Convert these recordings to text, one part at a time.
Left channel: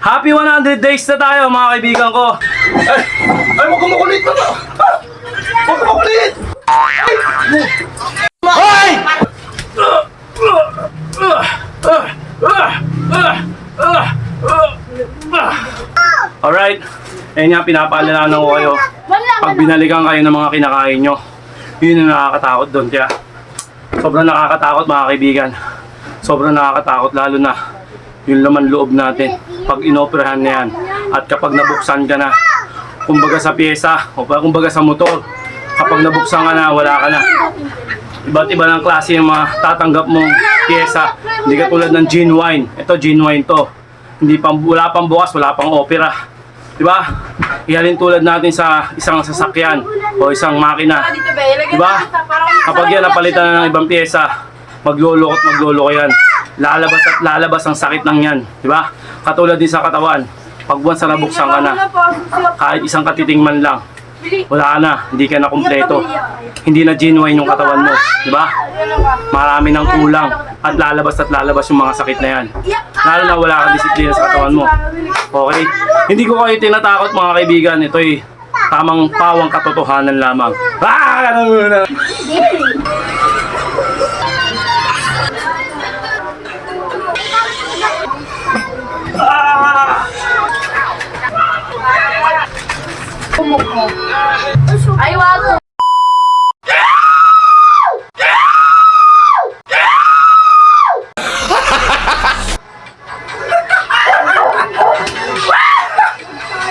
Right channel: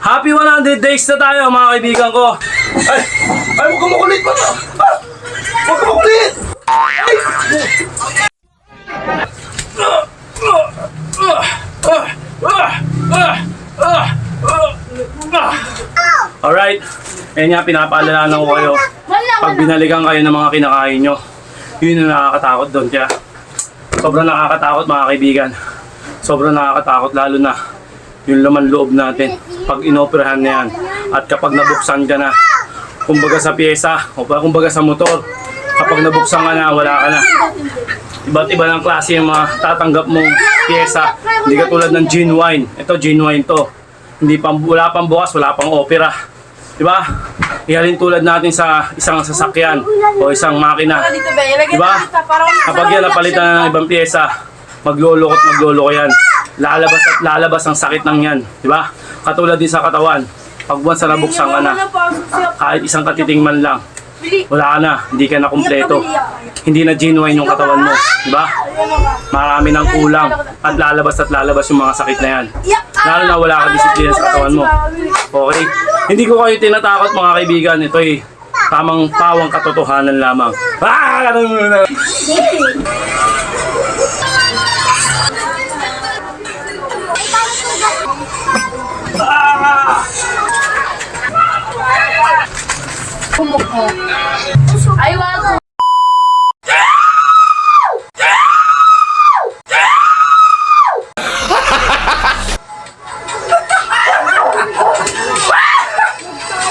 Happy 100 days na tayo mga kaibigan ko. Ay, huwag ka makulit pa. Huwag ka makulit. Ay! Alright, ayun nga, pinapaalala ko kayo. Pag binalikan kayo ng mga kinakain nyo, yun yung nakakatakot doon. Kaya sobrang nakakatakot mga kaibigan. Sobrang nakakatakot lalo na yung laman loob natin pag inoperahan na yan. At kapag nabuksan ka na, kumbaga sa pyesa o kumbaga sa motor, kapag nabuksan ka na, wala ka na. Iba't iba ng klase yung mga tatanggap mong pyesa. Hindi katulad ng genuine. Ito genuine to. Wala pang bukas, wala pang opera. Diba? Ihalin tulad natin sa isang sasakyan o isang makina. Diba? Kapag yan napalitan na ng ibang pyesa, magluloko yan. Lalabas at lalabas ang sakit ng yan. Diba? Katulad din sa katawan. Pag once na nabuksan ka na, kahit isang katiting man lang, wala ka na, hindi ka na kumpleto. Hindi na genuine yung katawan mo, di ba? Marami nang kulang at lalabas yung mga sakit na yan. Lalo na wala ka disiplina sa katawan mo. Okay? Hindi ko kayo tinatakot mga kaibigan, ito'y tamang pawang katotohanan lamang. Ganun muna! Ay, wag!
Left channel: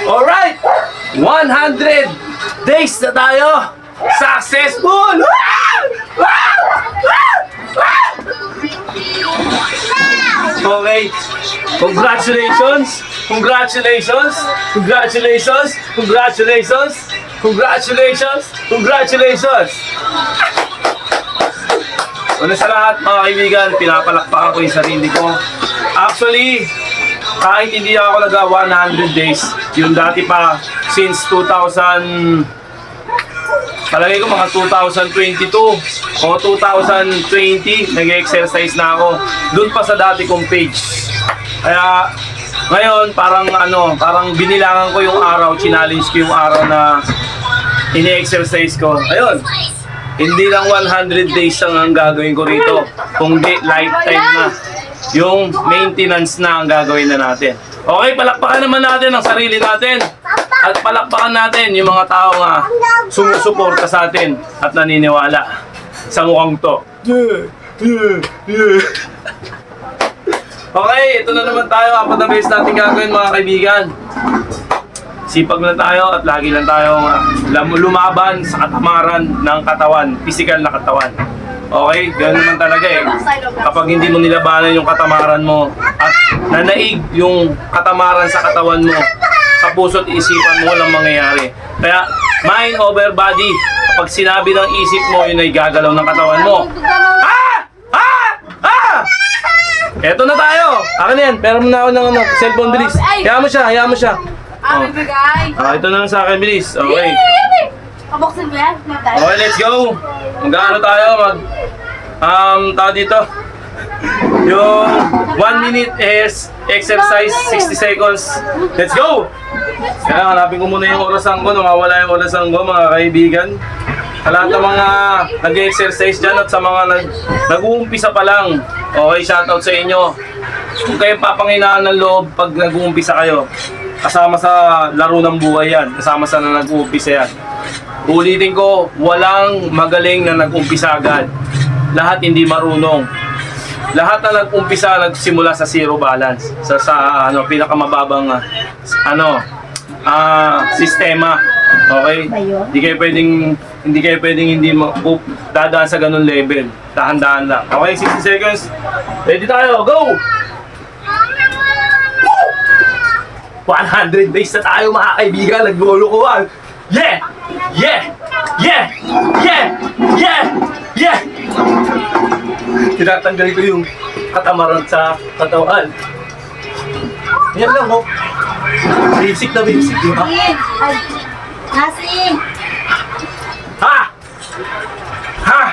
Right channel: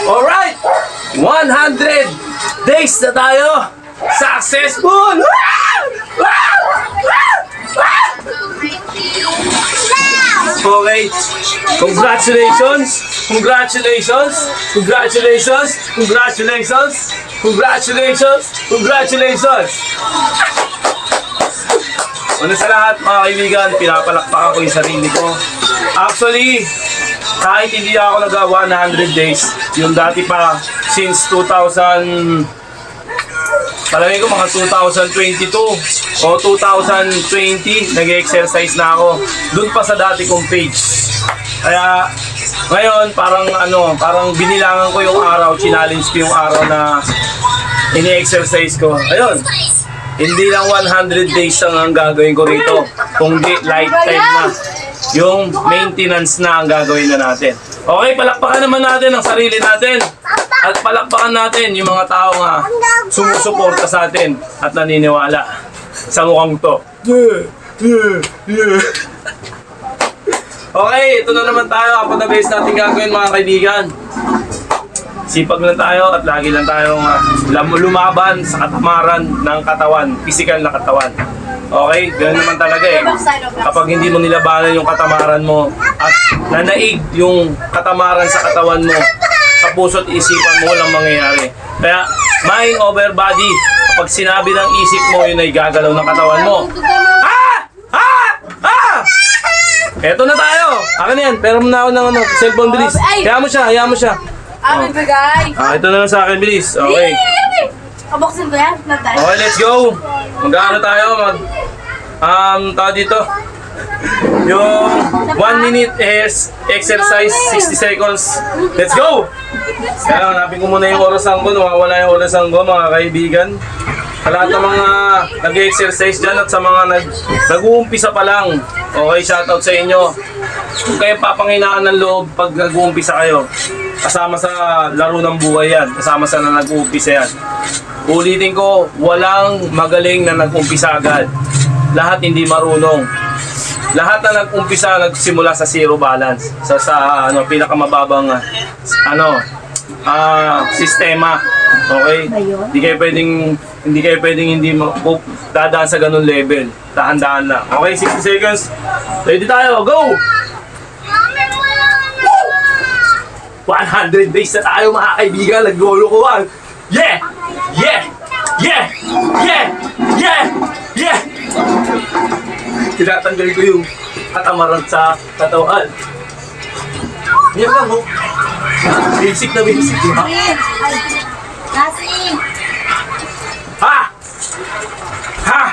Alright! 100 days na tayo! Successful! Okay. Congratulations! Congratulations! Congratulations! Congratulations! Congratulations! Congratulations! Una sa lahat mga kaibigan, pinapalakpakan ko yung sarili ko. Actually, kahit hindi ako nagawa 100 days, yung dati pa since 2000, palagay ko mga 2022 o 2020, nag-exercise na ako doon pa sa dati kong page. Kaya ngayon parang binilangan ko yung araw, challenge ko yung araw na ini-exercise ko. Ayun, hindi lang 100 days ang gagawin ko rito, kundi lifetime na. Yung maintenance na ang gagawin na natin. Okay, palakpakan naman natin ang sarili natin. At palakpakan natin yung mga tao nga sumusuporta sa atin at naniniwala sa mukhang to. Okay, ito na naman tayo. Apat na beses natin gagawin mga kaibigan. Sipag lang tayo at lagi lang tayo lumaban sa katamaran ng katawan, physical na katawan. Okay, ganoon naman talaga eh. Kapag hindi mo nilabanan yung katamaran mo at nanaig yung katamaran sa katawan mo, sa puso't isipan mo, walang mangyayari. Kaya, mind over body. Kapag sinabi ng isip mo, yun ay gagalaw ng katawan mo. Eto na tayo! Akin na yan, pero muna ako ng cellphone, bilis. Hayaan mo siya. Bibigay! Ito na lang sa akin, bilis. Okay. Kabuksin ko yan? Okay, let's go! Mag-ano tayo? Tao dito. Yung 1 minute exercise, 60 seconds. Let's go! Kaya hanapin ko muna yung orasan ko. Nawawala yung orasan ko mga kaibigan. Sa lahat ng mga nag-exercise dyan at sa mga nag-uumpisa pa lang. Okay, shoutout sa inyo. Kung kayo papanghinaan ng loob pag nag-uumpisa kayo, kasama sa laro ng buhay yan. Kasama sa na nag-uumpisa yan. Ulitin ko, walang magaling na nag-umpisa agad. Lahat hindi marunong. Lahat na nag-umpisa nagsimula sa zero balance. Sa pinakamababang sistema. Okay? Hindi kayo pwedeng dadaan sa ganun level. Dahan-dahan lang. Okay, 60 seconds. Ready tayo. Go! 100 base na tayo mga kaibigan. Nag-golo-kuhan. Yeah! Yeah! Yeah! Yeah! Yeah! Yeah! Tinatanggal ko yung katamaran sa katawan. Yan lang, oh. Basic na basic, di ba? Nasing! Ha! Ha!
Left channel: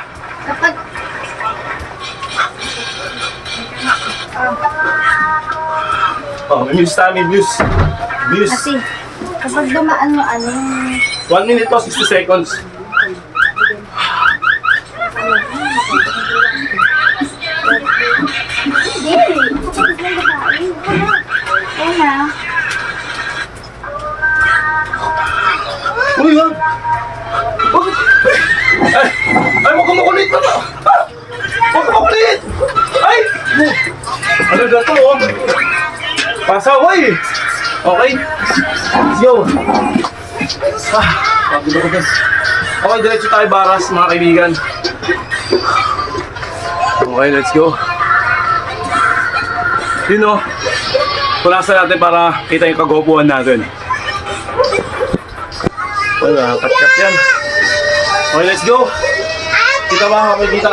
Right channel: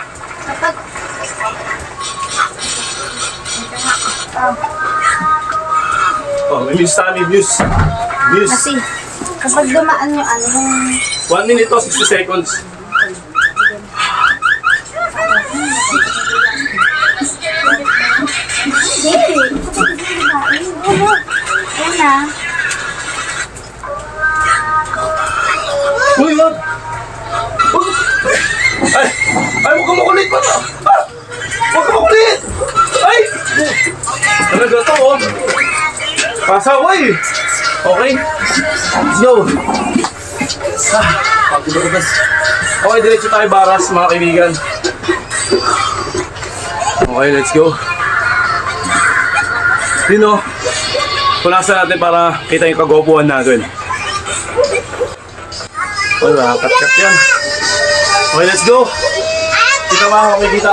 Oh, may muse tayo, may muse. Muse. Kasi, kapag dumaan yung ano, 1 minute to, 60 seconds. hindi. Una. Uy, wag! Wag! Ay! Ay, huwag kang makulit na! Ah! Huwag kang makulit! Ay! Ano ba ito, oh? Pasaway! Okay? Let's go! Ah, pagod ako guys. Okay, diretso tayo baras, mga kaibigan. Okay, let's go. Yun, oh. Punasan natin para kita yung kagopuan natin. Uy, kat yan. Okay, let's go. Kita ba kami kita?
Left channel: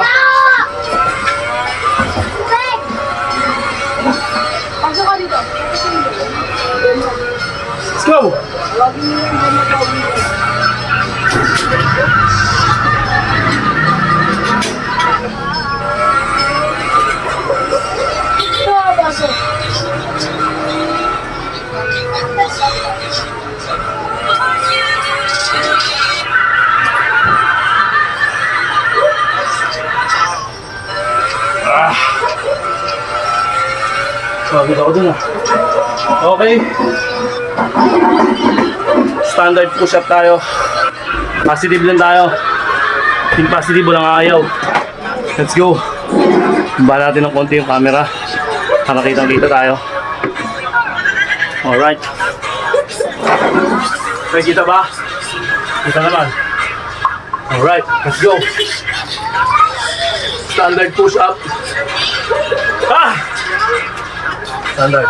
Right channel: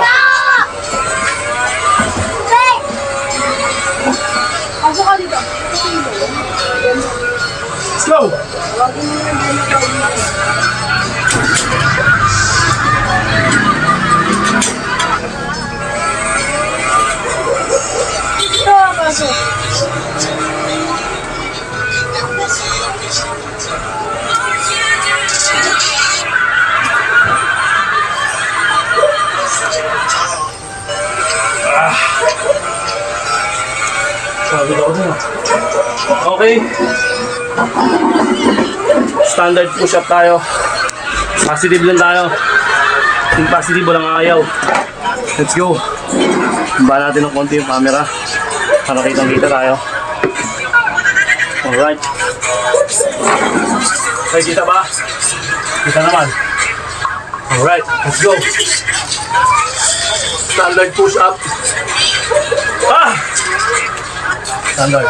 Pasok ka dito. Let's go. Ito, pasok. Pagod ako dun, ah. Okay. Standard push-up tayo. Positive lang tayo. Yung positive, walang ayaw. Let's go. Ba natin ng konti yung camera para kitang-kita tayo. Alright. Okay, kita ba? Kita naman. Alright, let's go. Standard push-up. Ah! Standard.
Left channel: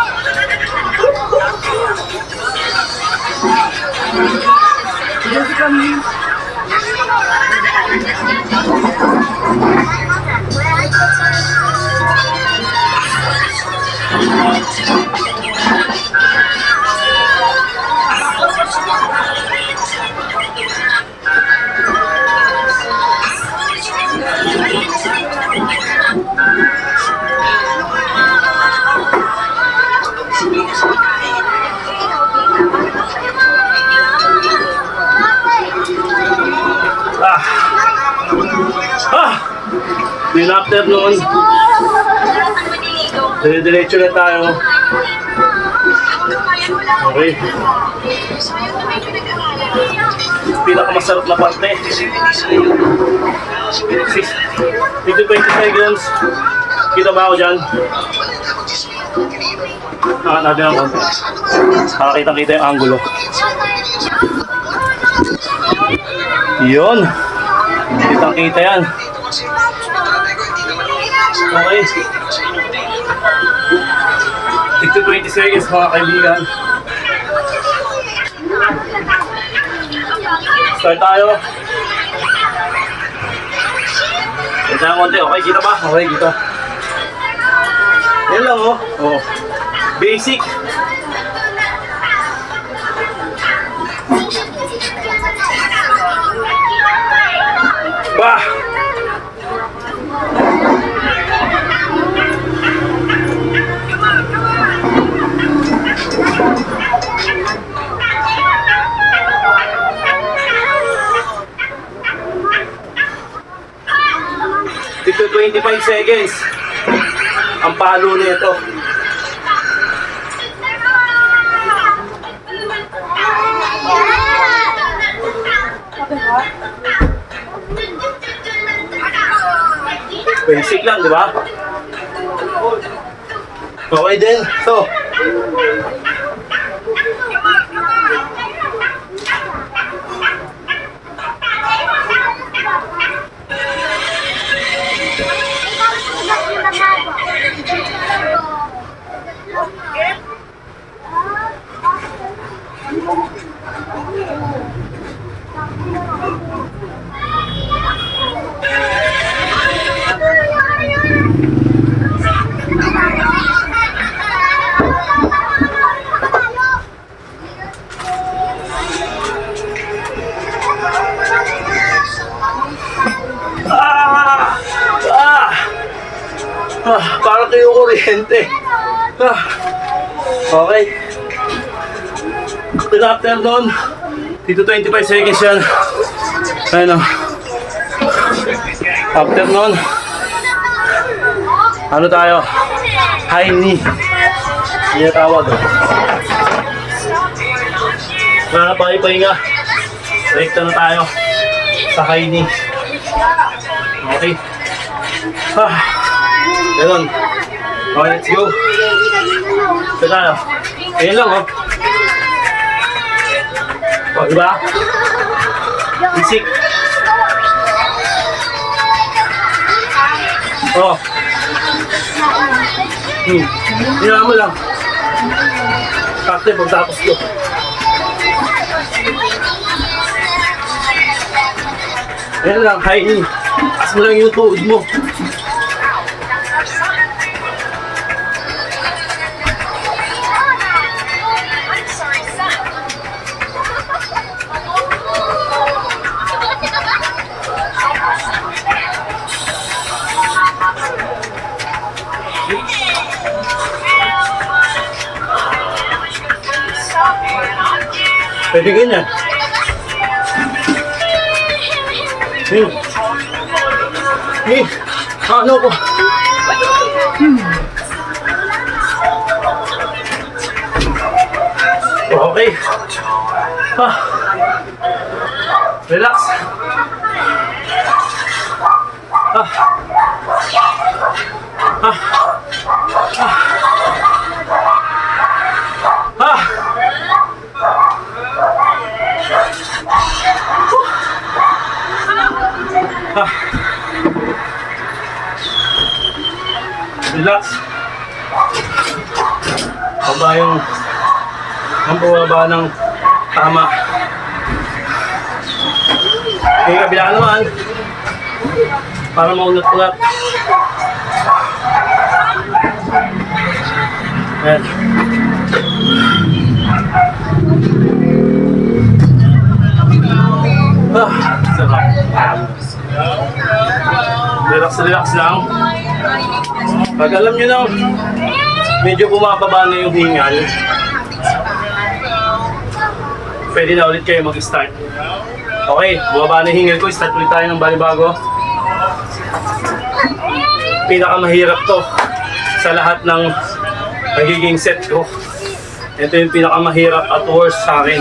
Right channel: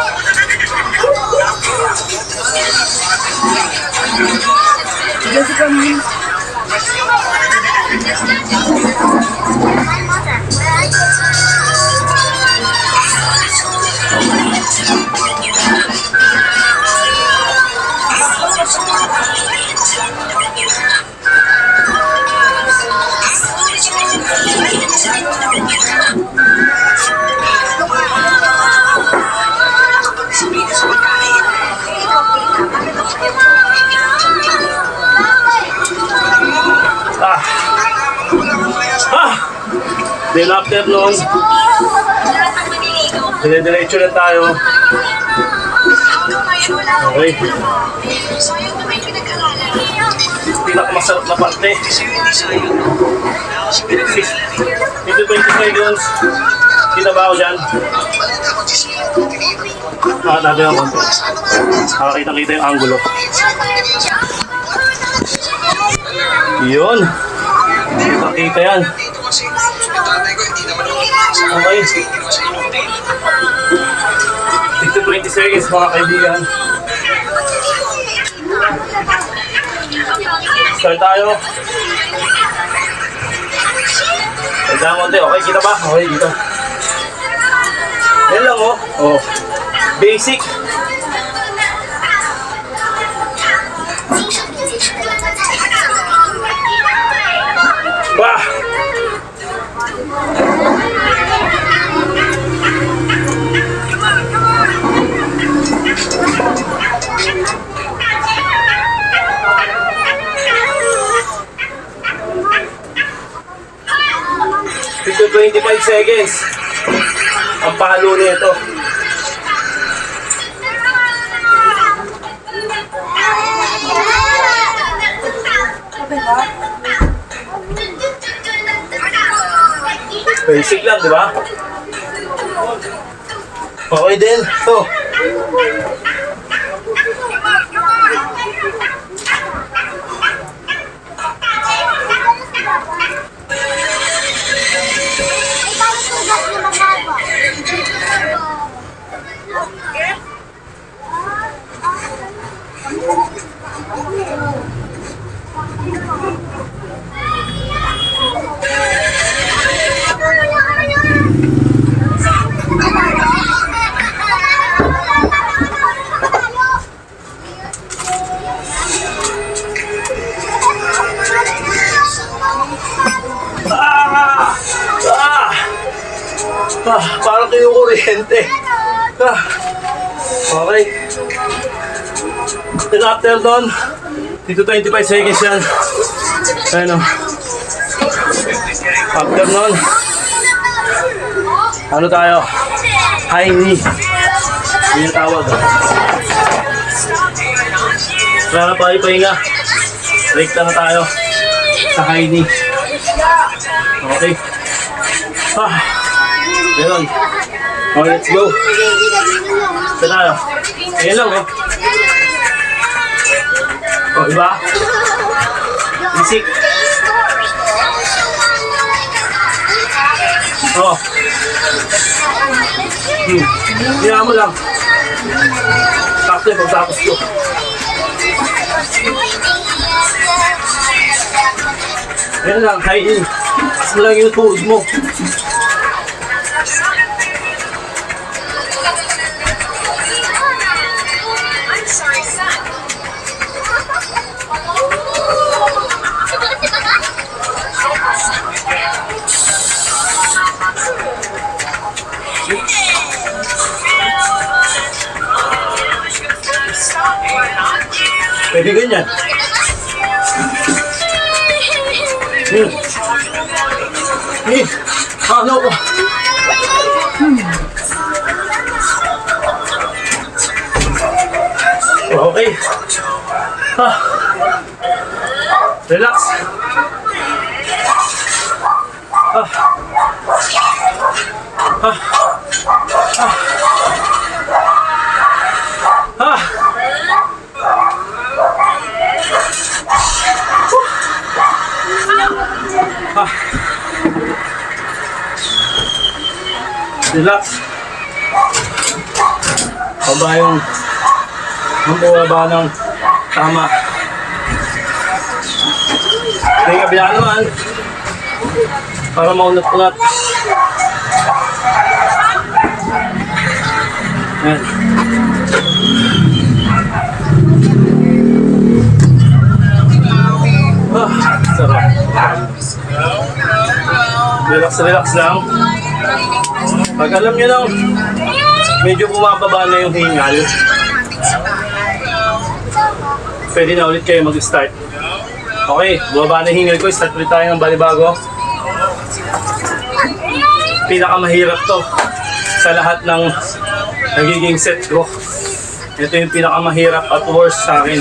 Ah! Ah! Then after noon, dire-diretso na tayo. Okay. Pinakamasarap na parte. 20 seconds. Kita ba ako dyan? Natin ang konti. Nakakita-kita yung angulo. Yun. Kita-kita yan. Okay. 20 seconds mga kaibigan. Start tayo. Ito ang konti. Okay, kita ba? Okay, kita. Yan lang, oh. Oh. Basic. Wah! Ito 25 seconds. Ang palo nito. Basic lang, di ba? Okay din. So, parang kayo kuryente. Okay. Then after doon, dito 25 seconds yan. Ayun o. After nun, ano tayo? High knee. Yun yung tawag. Wala na pahinga. Rekta na tayo sa high knee. Okay. Ganun. Okay, let's go. Ito tayo. Ayan lang, oh. Oh, diba? Isik. Oh. Hina mo lang. Sakto yung pagtapos ko. Ayan lang, high knee. As mo lang yung tuhod mo. Pwede ganyan. Ano ko? Okay. Relax. Relax. Baba yung baba ng tama. Okay, kabila naman. Para maunat-unat. Yan. Sarap. Relax lang. Pag alam nyo lang, medyo bumababa na yung hingal, pwede na ulit kayo mag-start. Okay, bumaba na yung hingal ko, start ulit tayo ng balibago. Pinakamahirap to sa lahat ng nagiging set ko. Ito yung pinakamahirap at worst sa akin.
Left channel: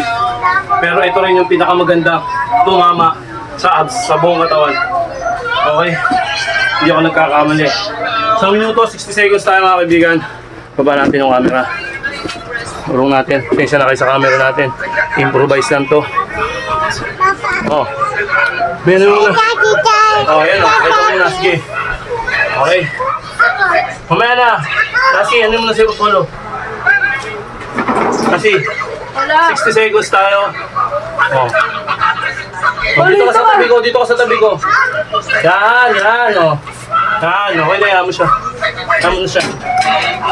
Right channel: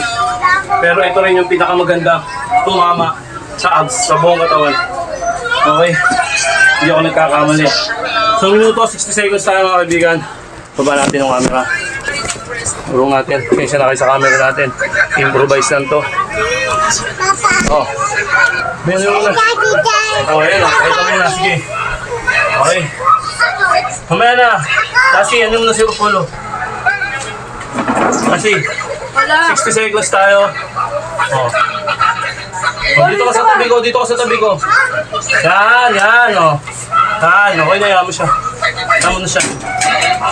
Pero ito rin yung pinakamagandang tumama sa abs, sa buong katawan. Okay, hindi ako nagkakamali. So minuto, 60 seconds tayo mga kaibigan. Baba natin yung camera. Urong natin. Kaysa na kayo sa camera natin. Improvise lang to. Oh. Meron na. Oh, yun. Ito muna. Sige. Okay. Kumaya na. Kasi, ano mo na si Rupolo? Kasi, 60 seconds tayo. Oh. Oh, dito ka sa tabi ko. Dito ka sa tabi ko. Yan. Oh. Yan. Okay na. Yaman siya. Yaman na siya.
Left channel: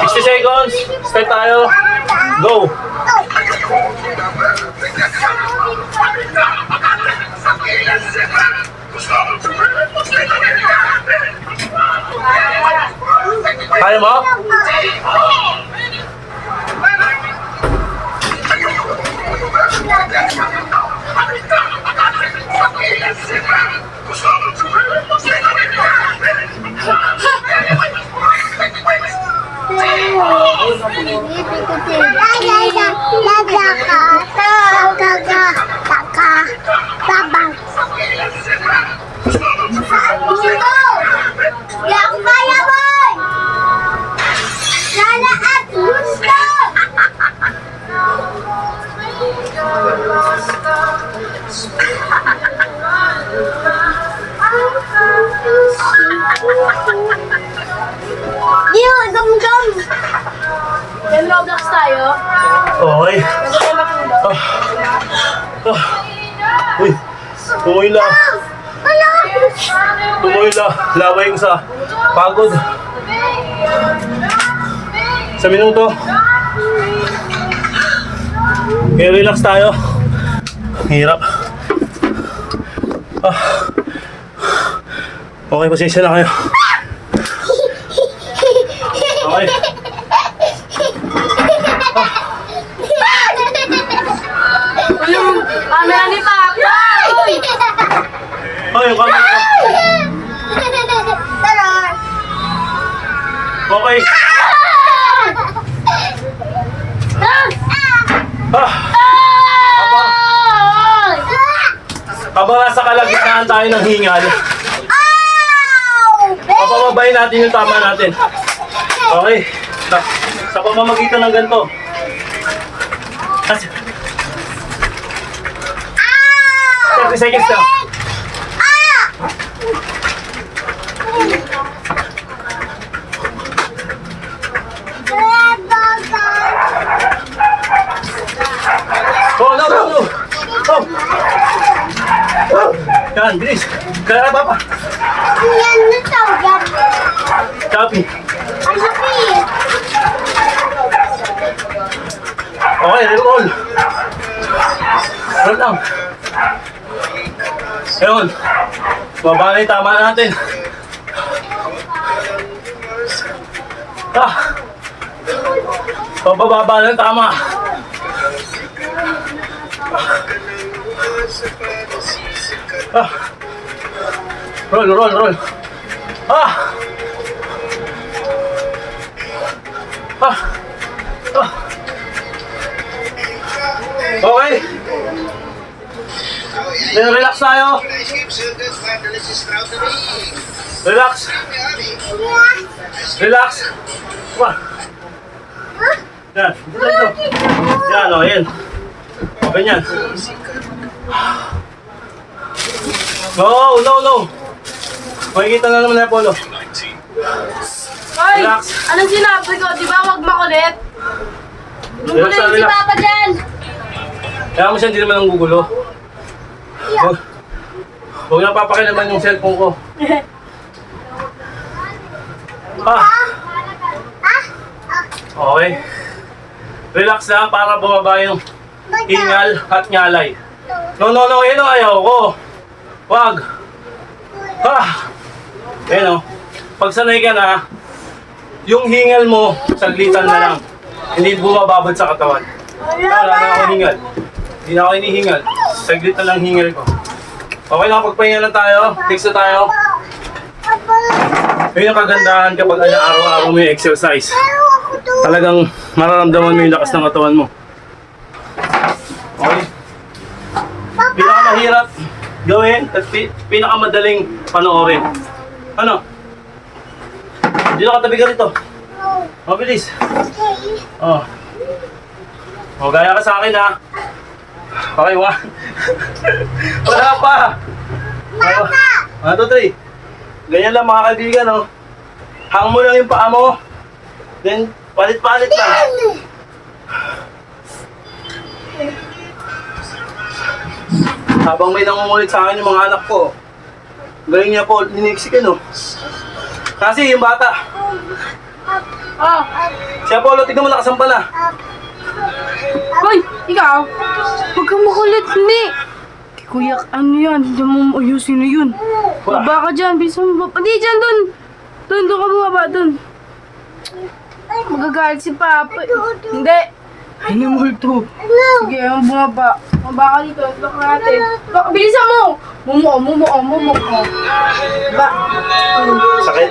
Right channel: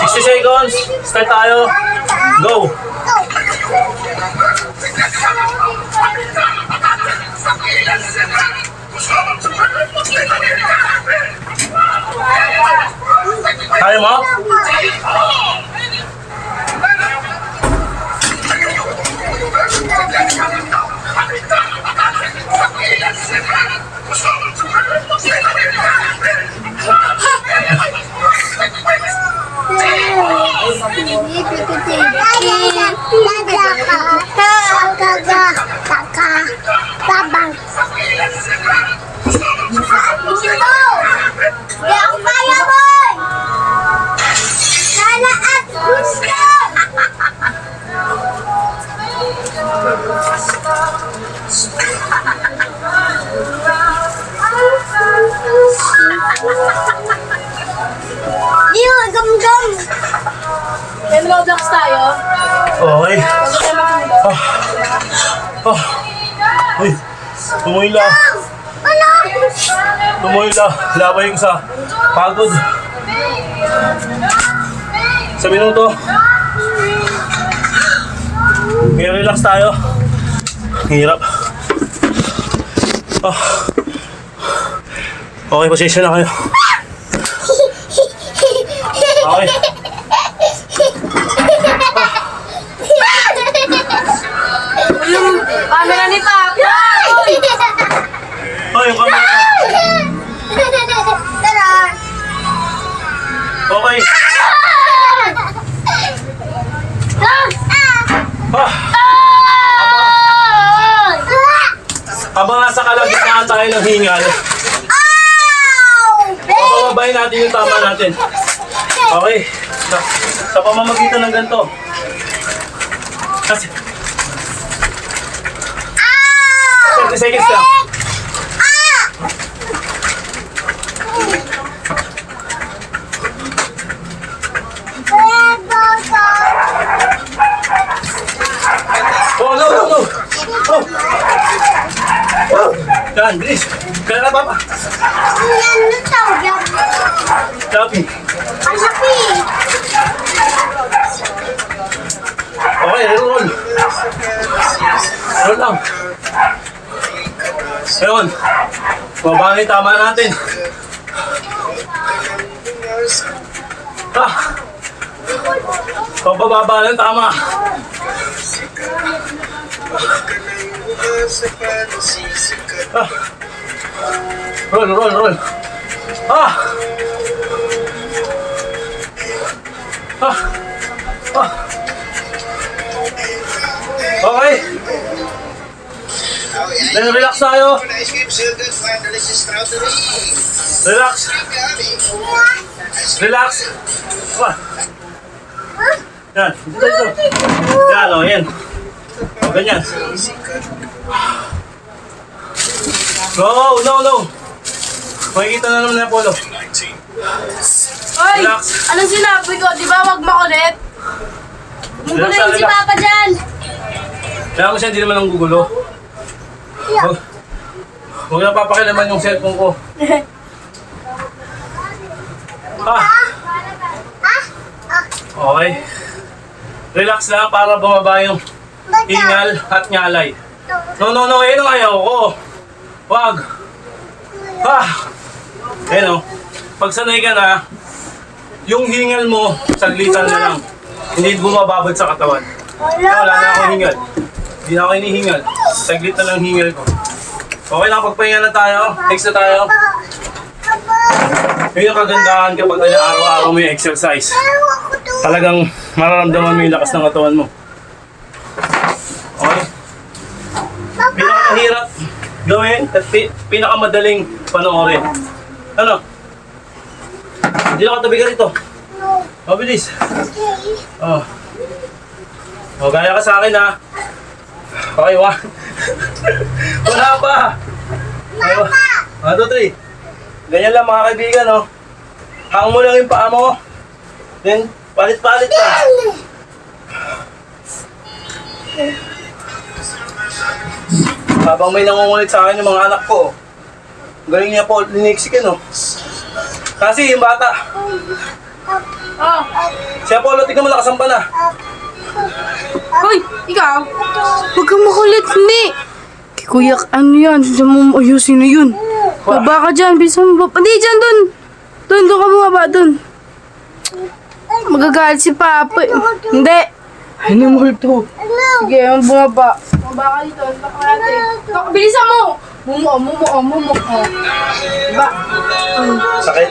60 seconds. Start tayo. Go. Kaya mo? Babang. Dito! Di ako kaya, boy! Sana at gusto! Diyo, gam-gam! Yan, Roblox tayo. Okay. Bago tayo matulog. Uy. Tumuhila. Tumuhila. Labay ko sa pagod. Sa minuto. Okay, relax tayo. Hirap. Okay, pasensya na kayo. Okay. Camera ni Papa! Uy! Oh, yung camera ko. Okay. Habang nasa kalagitnaan tayo ng hingal, papababayin natin yung tama natin. Okay. Sa pamamagitan ng ganito. Kasi 30 seconds lang. Oh, no, no, no. Oh. Oh. Yan, bilis. Kaya ka, Papa. Copy. Okay, roll. Roll lang. Ayun. Baba na yung tama natin. Pababa ng tama. Roll, roll, roll. Ah! Ah! Ah! Okay. Then relax tayo. Relax. Relax. Come on. Yan. Dito, dito. Yan, o, yan. Ganyan. No, no, no. Makikita na naman na Apollo. Hoy! Relax. Anong sinabi ko? Di ba wag makulit? Relax, Magulo si relax. Papa dyan! Kaya mo siya hindi naman ang gugulo. Huwag na papakilaman yung cellphone ko. Ah. Okay. Relax lang para bumaba yung hingal at ngalay. No, no, no. Yan ang ayaw ko. Wag. Ah. Ayan o. Pag sanay ka na, yung hingal mo, saglitan na lang. Hindi bumababad sa katawan. Wala na ako hingal. Hindi na ako hinihingal. Saglit na lang hingal ko. Okay lang, pagpahinga na tayo. Next na tayo. Yun yung kagandahan kapag araw-araw mo yung exercise. Talagang mararamdaman mo yung lakas ng katawan mo. Okay? Pinakamahirap gawin at pinakamadaling panoorin. Ano? Hindi na katabi ka rito. Mabilis. Oh. O, gaya ka sa akin ha. Okay, one. Wala pa. Okay, 1, 2, 3. Ganyan lang mga kaibigan, oh. Hang mo lang yung paa mo. Then, palit-palit lang. Habang may nangungulit sa akin yung mga anak ko, galing niya po, liniksikin, oh. Kasi yung bata, Oh! si Apollo, tignan mo nakasampa na. Hoy! Ikaw! Huwag kang makulit, hindi! Kuya, ano yan? Diyan mo ayusin na yun. Baba ka dyan, bilisan mo. Hindi, dyan, dun! Dun ka bumaba, dun. Magagalit si Papa. Hindi! Ay, namulto. Sige, bumaba. Bumaba ka dito, lock natin. Bilisan mo! Mumo. Ba? Sakit.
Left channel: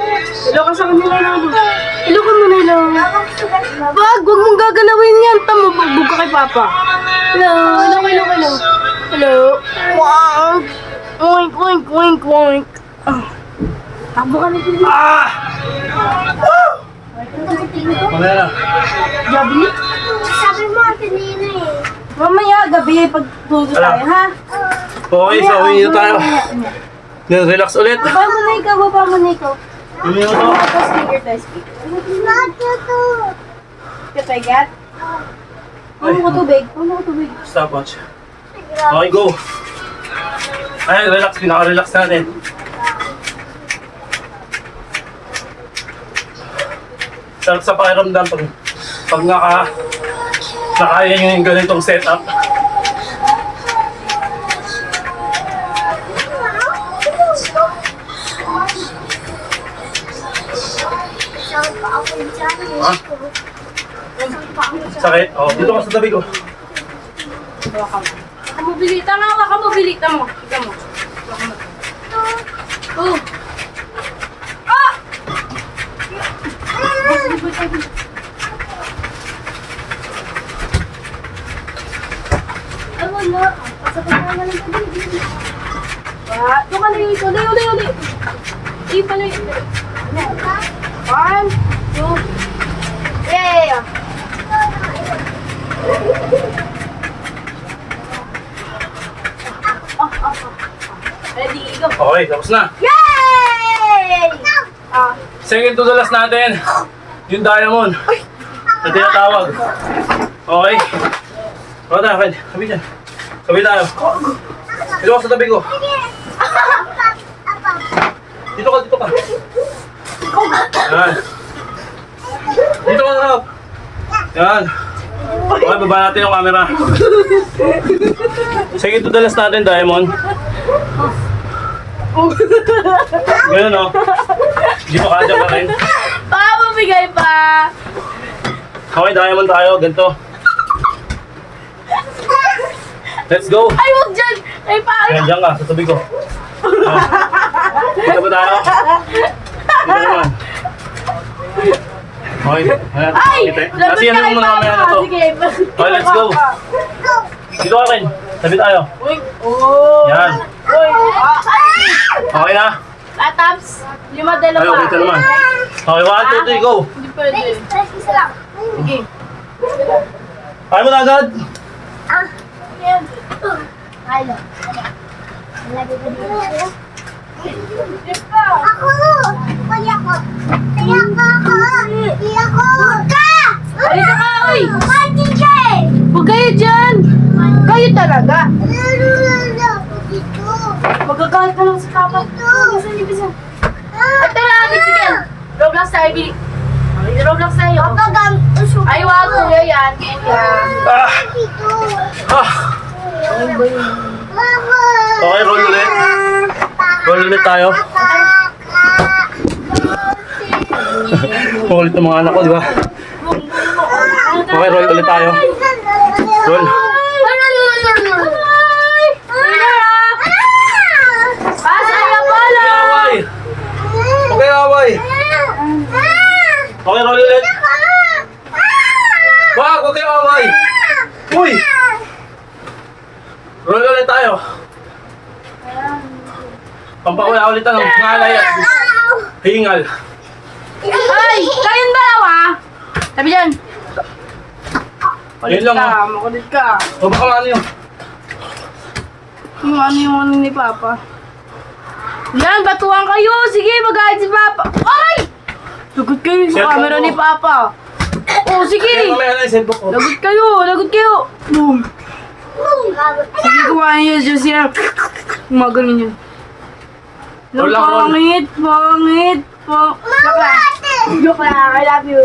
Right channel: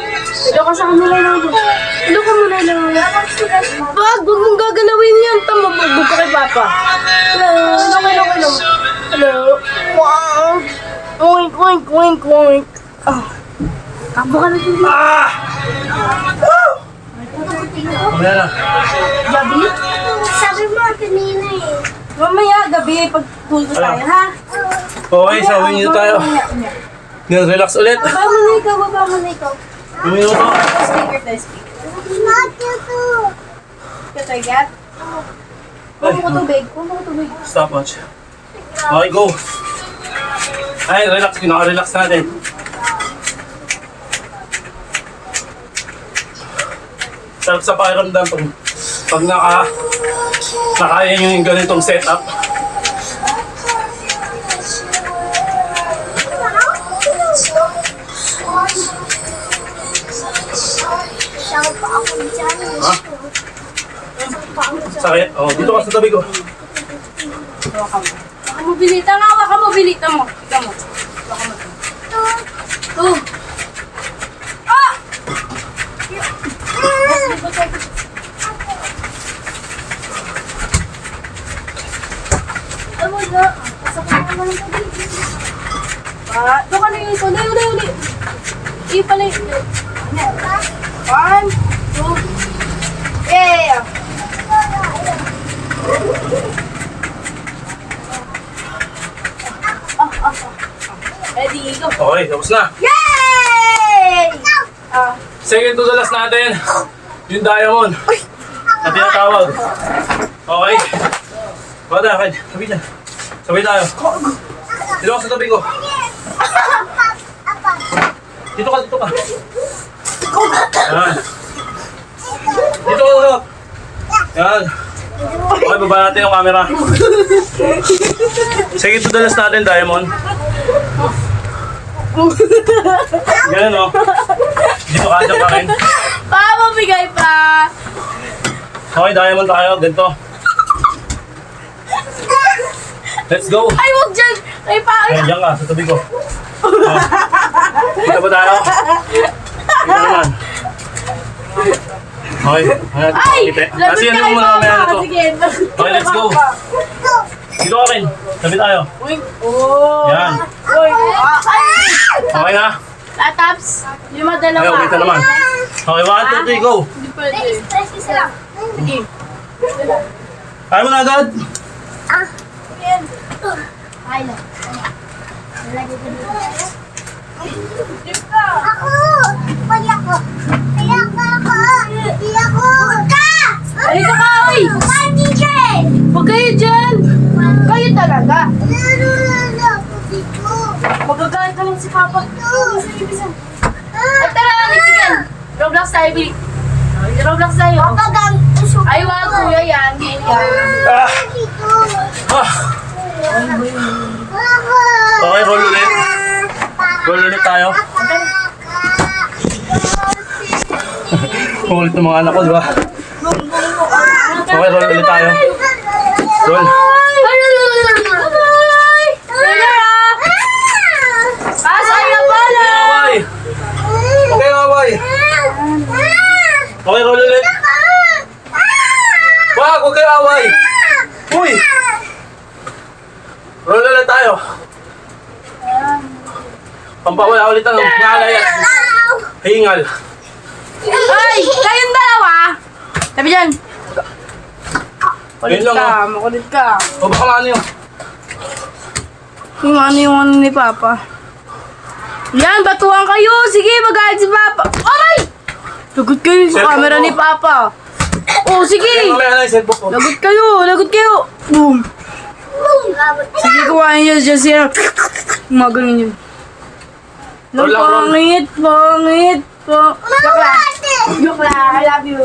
Ilo ka sa kanila lang. Ilo ka muna lang. Wag mong gagalawin yan. Tama, bagbog ka kay Papa. Hello. Hello. Wag. Oink. Ah. Takbo ka na dito. Ah! Mamaya na. Gabi? Sabi mo kanina eh. Mamaya, gabi, pag tulog tayo, ha? Okay, so uwi na tayo. Yan, relax ulit. Baba mo na ikaw. Uwi na to. Tapos speaker. Katagat? Ay, Puno ko tubig. stopwatch. Okay, go. Ay, relax. Pinaka-relax natin. Sarap sa pakiramdam pag nakaya nyo yung ganitong setup. Ha? Sakit? Oh, dito ka sa tabi ko. Mobilita nga, waka mobilita mo. Tignan mo. Waka mo. Oh. Ah! Ay, wala. Pasakit na lang yung baby. Doon ka na yung ito. Layo. Pala yung ito. 1, 2. Yeah! Ready, go. Okay, tapos na. Yay! Second to the last natin. Yung diamond. Na tinatawag. Okay. Baka tayo, Kyle. Sabi dyan. Sabi tayo. Dito ka sa tabi ko. Dito ka. Yan. Dito ka na. Yan. Okay, baba natin yung camera. Second to the last natin, diamond. Ganun, no? Hindi pa kadya pa rin. Mabigay pa. Okay, diamond tayo. Ganito. Let's go. Ay, huwag dyan. Ay, pare. Ayan, dyan ka, sa tabi ko. Kita ba tayo? Kita naman. Okay, wala natin pakita. Kasi yan yung mga mamaya na to. Sige. Okay, let's go. Dito ka rin. Tabi tayo. Uy. Oh. Yan. Uy. Ay. Okay na? Tataps. Lima, dalawa. Ayaw, kita naman. Okay, 1, 2, 3, go. Hindi pwede. Isa lang. Sige. Kaya mo na agad. Yan. Ay, lang. Nalagay ko dito. Dip ka. Ako! Kuya ko! Kaya ka ako! Kaya ko! Huwag ka! Halika ka, uy. One teacher! Huwag kayo dyan. Kayo talaga. Lalo ako dito. Magagalit ka lang si Papa. Ibisan. Ay, tara, sige. Roblox tayo, Billy. Roblox tayo. Pagam... Ay, wag, kuya yan. Kuya. Ah, Dito. ah. Ako! Okay, roll ulit. Roll ulit tayo. Ulit ng mga anak ko, di ba? Okay, roll ulit tayo. Roll. Pasay na pala. Away. Okay, away. Okay, roll ulit. Wag, huwag kayo away. Uy! Roll ulit tayo. Pampawala ulit ang ngalay at hingal. Ay, kayong dalawa. Sabi dyan. Yun lang, oh. Makulit ka. O baka ano yun? Yung ano ni Papa. Yan, batuhan kayo. Sige, mag-ahit si Papa. Aray! Lagot kayo sa Cellphone camera mo. ni Papa. Oh, sige. Kaya mamaya na yung cellphone ko. Lagot kayo. Boom. Sige, kuhain niyo dyan siya. Magaling yun. Roll lang, roll. Pangit. Joke lang. I love you.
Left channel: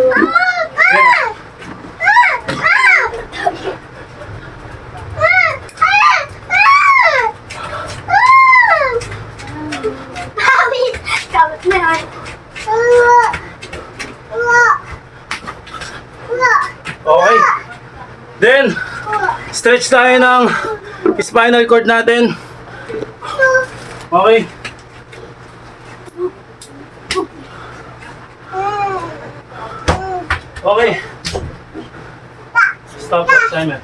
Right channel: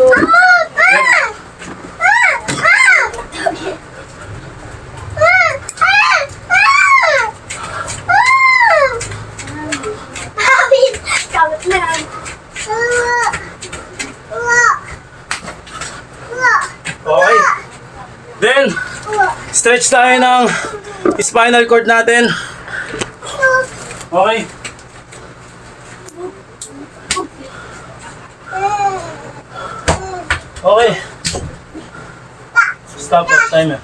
Kabit na yan. Okay. Then, stretch tayo ng spinal cord natin. Okay. Okay. Stop it, timer.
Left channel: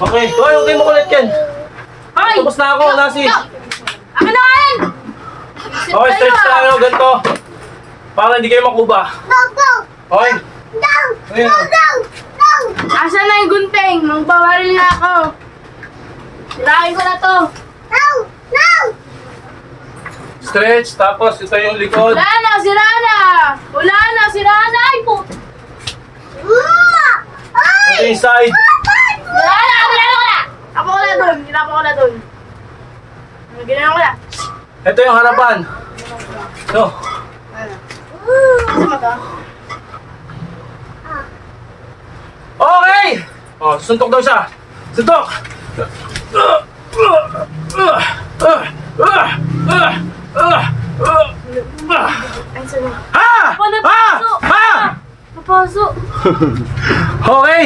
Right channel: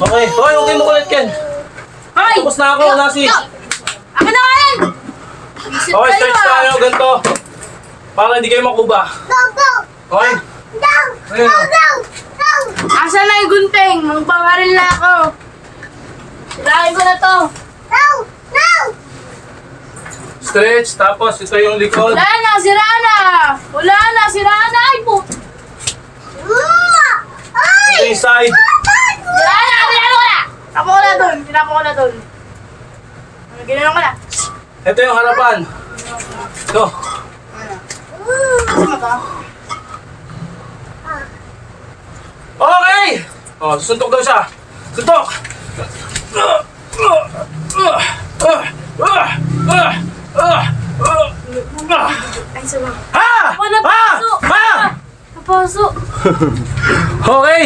Okay. Hoy, okay mo kulit yan. Ay! Tapos na ako, Nasi. Akin na nga yan! Okay, stretch tayo, ganito. Para hindi kayo makuba. Okay. Ayun. Asa na yung gunting? Nung bawaril na ako. Tirahin ko na to. Stretch, tapos ito yung likod. Wala na, sira na. Ay po. Ito yung side. Sira na. Tapo ko na dun. Ginawa ko na. Ito yung harapan. Ito. Kasi mo to? Okay! Oh, suntok daw siya. Suntok! Ay, sorry. Ha! Wala Ha! puso. Ha! paso. Okay!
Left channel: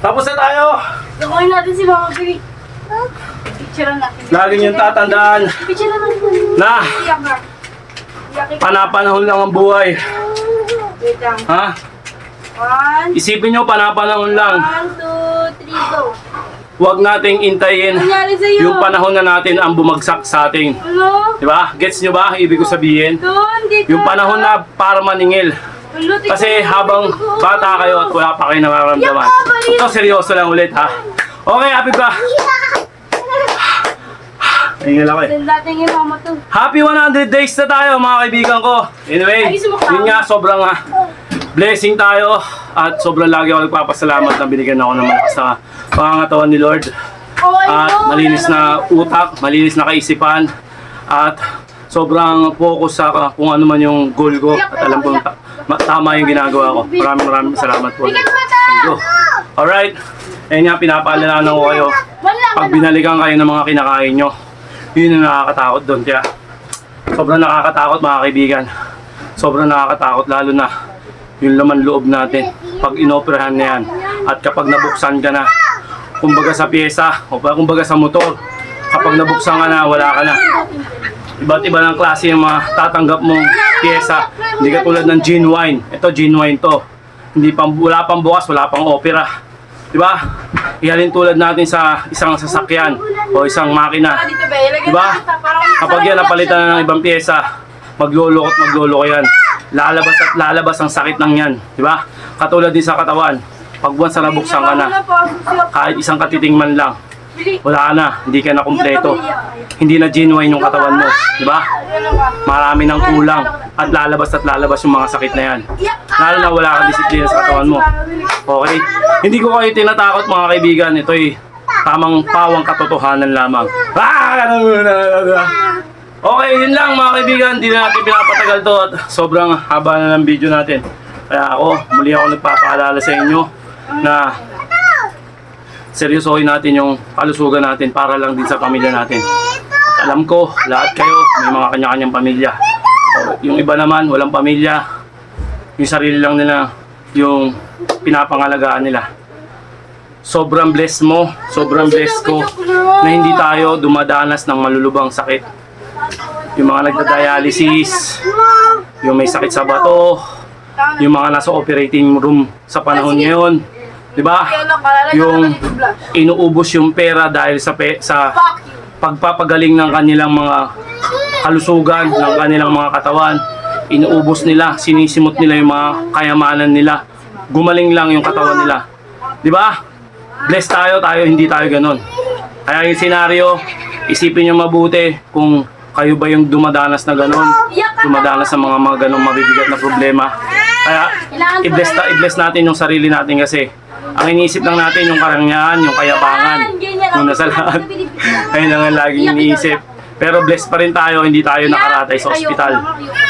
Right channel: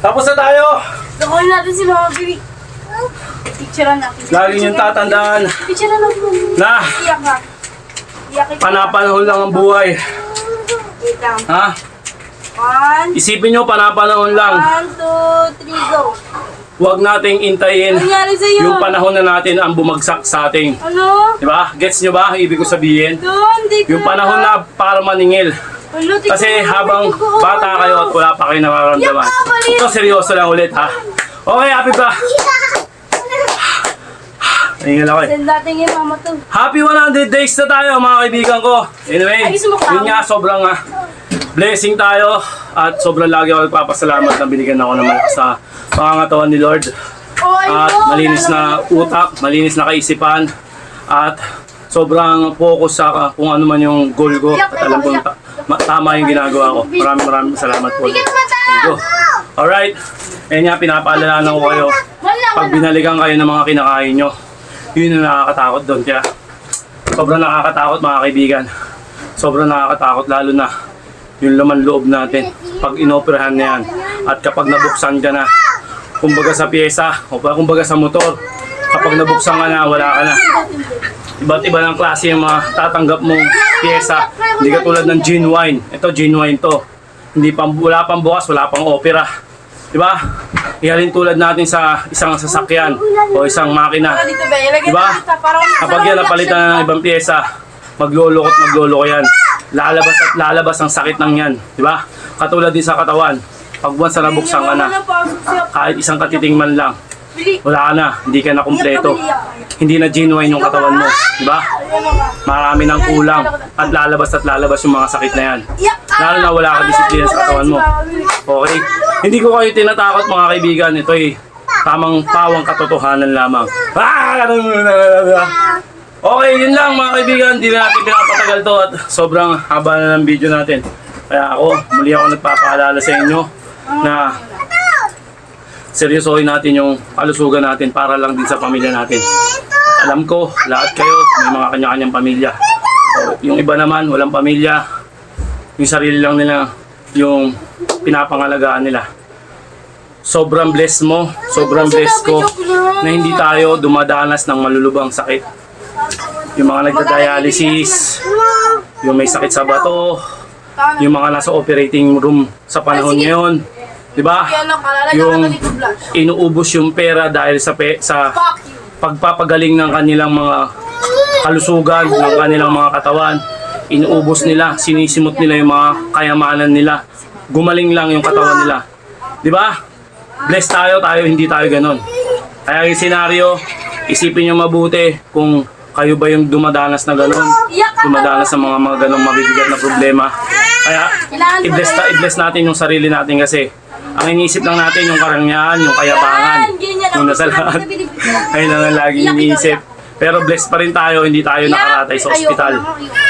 Tapos na tayo! Nakuha natin si Mama Baby. Picturean natin. Lagi niyong tatandaan Picturean natin. na Iyak ka. Iyak ka. panapanahon lang ang buhay. Wait lang. Ha? 1, Isipin nyo, panapanahon lang. 1, 2, 3, go. Huwag nating intayin Nangyari sa'yo. yung panahon na natin ang bumagsak sa ating. Ano? Diba? Gets nyo ba? Ibig ko sabihin? Doon, di ka. Yung panahon na para maningil. Ano, tingnan Kasi mo, habang dugo. bata kayo at wala pa kayo nararamdaman. Ito, seryoso lang ulit ha. Okay, happy ba? Nahingal ako eh. Send natin yung mama to. Happy 100 days na tayo mga kaibigan ko. Anyway, Ay, gusto mo ka? yun nga, sobrang blessing tayo. At sobrang lagi ako nagpapasalamat na binigyan ako ng malakas sa pangangatawan ni Lord. Oh, I At know, malinis na utak, malinis na kaisipan. At sobrang focus sa kung ano man yung goal ko. At alam ko tama yung ginagawa ko. Maraming salamat po. Thank you. Alright. Ayan nga, pinapaalala ko kayo. Pag binalikan kayo ng mga kinakain nyo, yun yung nakakatakot doon. Kaya sobrang nakakatakot mga kaibigan. Sobrang nakakatakot lalo na yung laman loob natin pag inoperahan na yan. At kapag nabuksan ka na, kumbaga sa pyesa o kumbaga sa motor, kapag nabuksan ka na, wala ka na. Iba't iba ng klase yung mga tatanggap mong pyesa. Hindi katulad ng genuine. Ito genuine to. Wala pang bukas, wala pang opera. Diba? Ihalin tulad natin sa isang sasakyan o isang makina. Dito ba? Ilagay Diba? natin pa, parang Kapag yan napalitan na ng ibang pyesa, magluloko yan. Lalabas at lalabas ang sakit ng yan. Diba? Katulad din sa katawan. Pag once na nabuksan ka na, kahit isang katiting man lang, wala ka na, hindi ka na kumpleto. Hindi na genuine yung katawan mo. Diba? Marami ng kulang at lalabas yung mga sakit na yan. Lalo na wala kang disiplina sa katawan mo. Okay? Hindi ko kayo tinatakot mga kaibigan. Ito'y tamang pawang katotohanan lamang. Okay, yun lang mga kaibigan. Hindi na natin pinapatagal to at sobrang haba na ng video natin. Kaya muli ako nagpapaalala sa inyo na seryosohin natin yung kalusugan natin para lang din sa pamilya natin. At alam ko, lahat kayo may mga kanya-kanyang pamilya. Yung iba naman, walang pamilya. Yung sarili lang nila, yung pinapangalagaan nila. Sobrang blessed mo, sobrang blessed ko na hindi tayo dumadanas ng malulubang sakit. Yung mga nagda-dialysis, yung may sakit sa bato, yung mga nasa operating room sa panahon ngayon. Diba? Yung inuubos yung pera dahil sa pagpapagaling ng kanilang mga kalusugan, ng kanilang mga katawan. Inuubos nila, sinisimot nila yung mga kayamanan nila. Gumaling lang yung katawan nila. Diba? Blessed tayo, hindi tayo ganun. Kaya yung senaryo, isipin nyo mabuti kung kayo ba yung dumadanas na ganun. Dumadanas sa mga ganung mabibigat na problema. Kaya i-bless natin yung sarili natin kasi ang iniisip lang natin yung karangyaan, yung kayabangan. Una sa lahat. Ayun lang ang laging iniisip. Pero blessed pa rin tayo, hindi tayo nakaratay sa ospital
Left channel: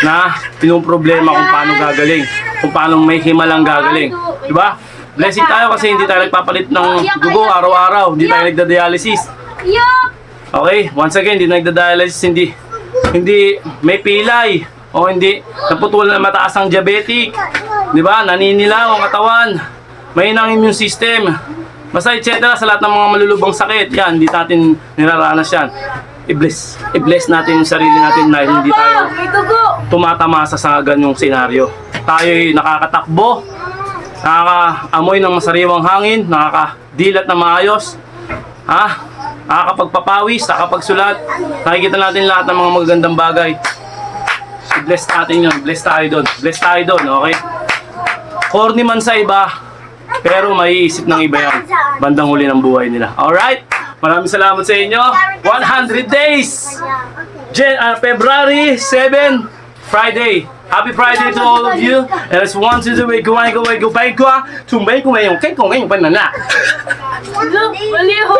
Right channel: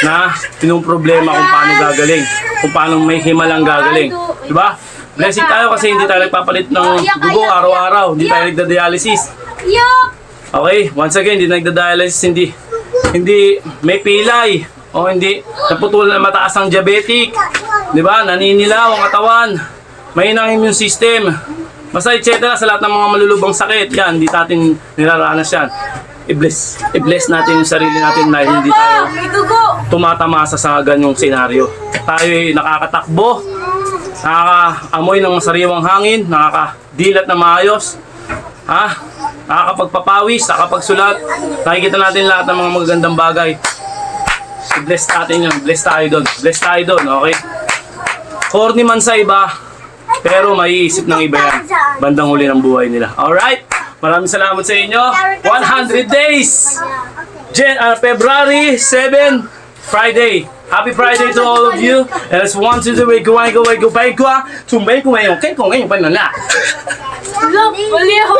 na problema kung paano gagaling, kung paano may himalang gagaling. Diba? Blessing tayo kasi hindi tayo nagpapalit ng dugo araw-araw, hindi tayo nagda-dialysis. Okay, once again, hindi nagda-dialysis, hindi may pilay, o hindi naputulan na mataas ang diabetic. Diba? Naninilaw ang katawan. May inang immune system, basta etc. sa lahat ng mga malulubang sakit, yan, hindi natin niraranas yan. I-bless natin yung sarili natin na hindi tayo tumatamasa sa ganyong senaryo. Tayo'y nakakatakbo, nakakaamoy ng masariwang hangin, nakakadilat na maayos, nakakapagpapawis, nakakapagsulat, nakikita natin lahat ng mga magagandang bagay. I-bless natin yun, bless tayo doon, okay? Corny man sa iba, pero maiisip ng iba yan bandang huli ng buhay nila. Alright? Maraming salamat sa inyo. 100 days! February 7, Friday. Happy Friday to all of you. And let's want to do it. Go, chuẩn bị của mày, cái con ấy, panana. Mali ako.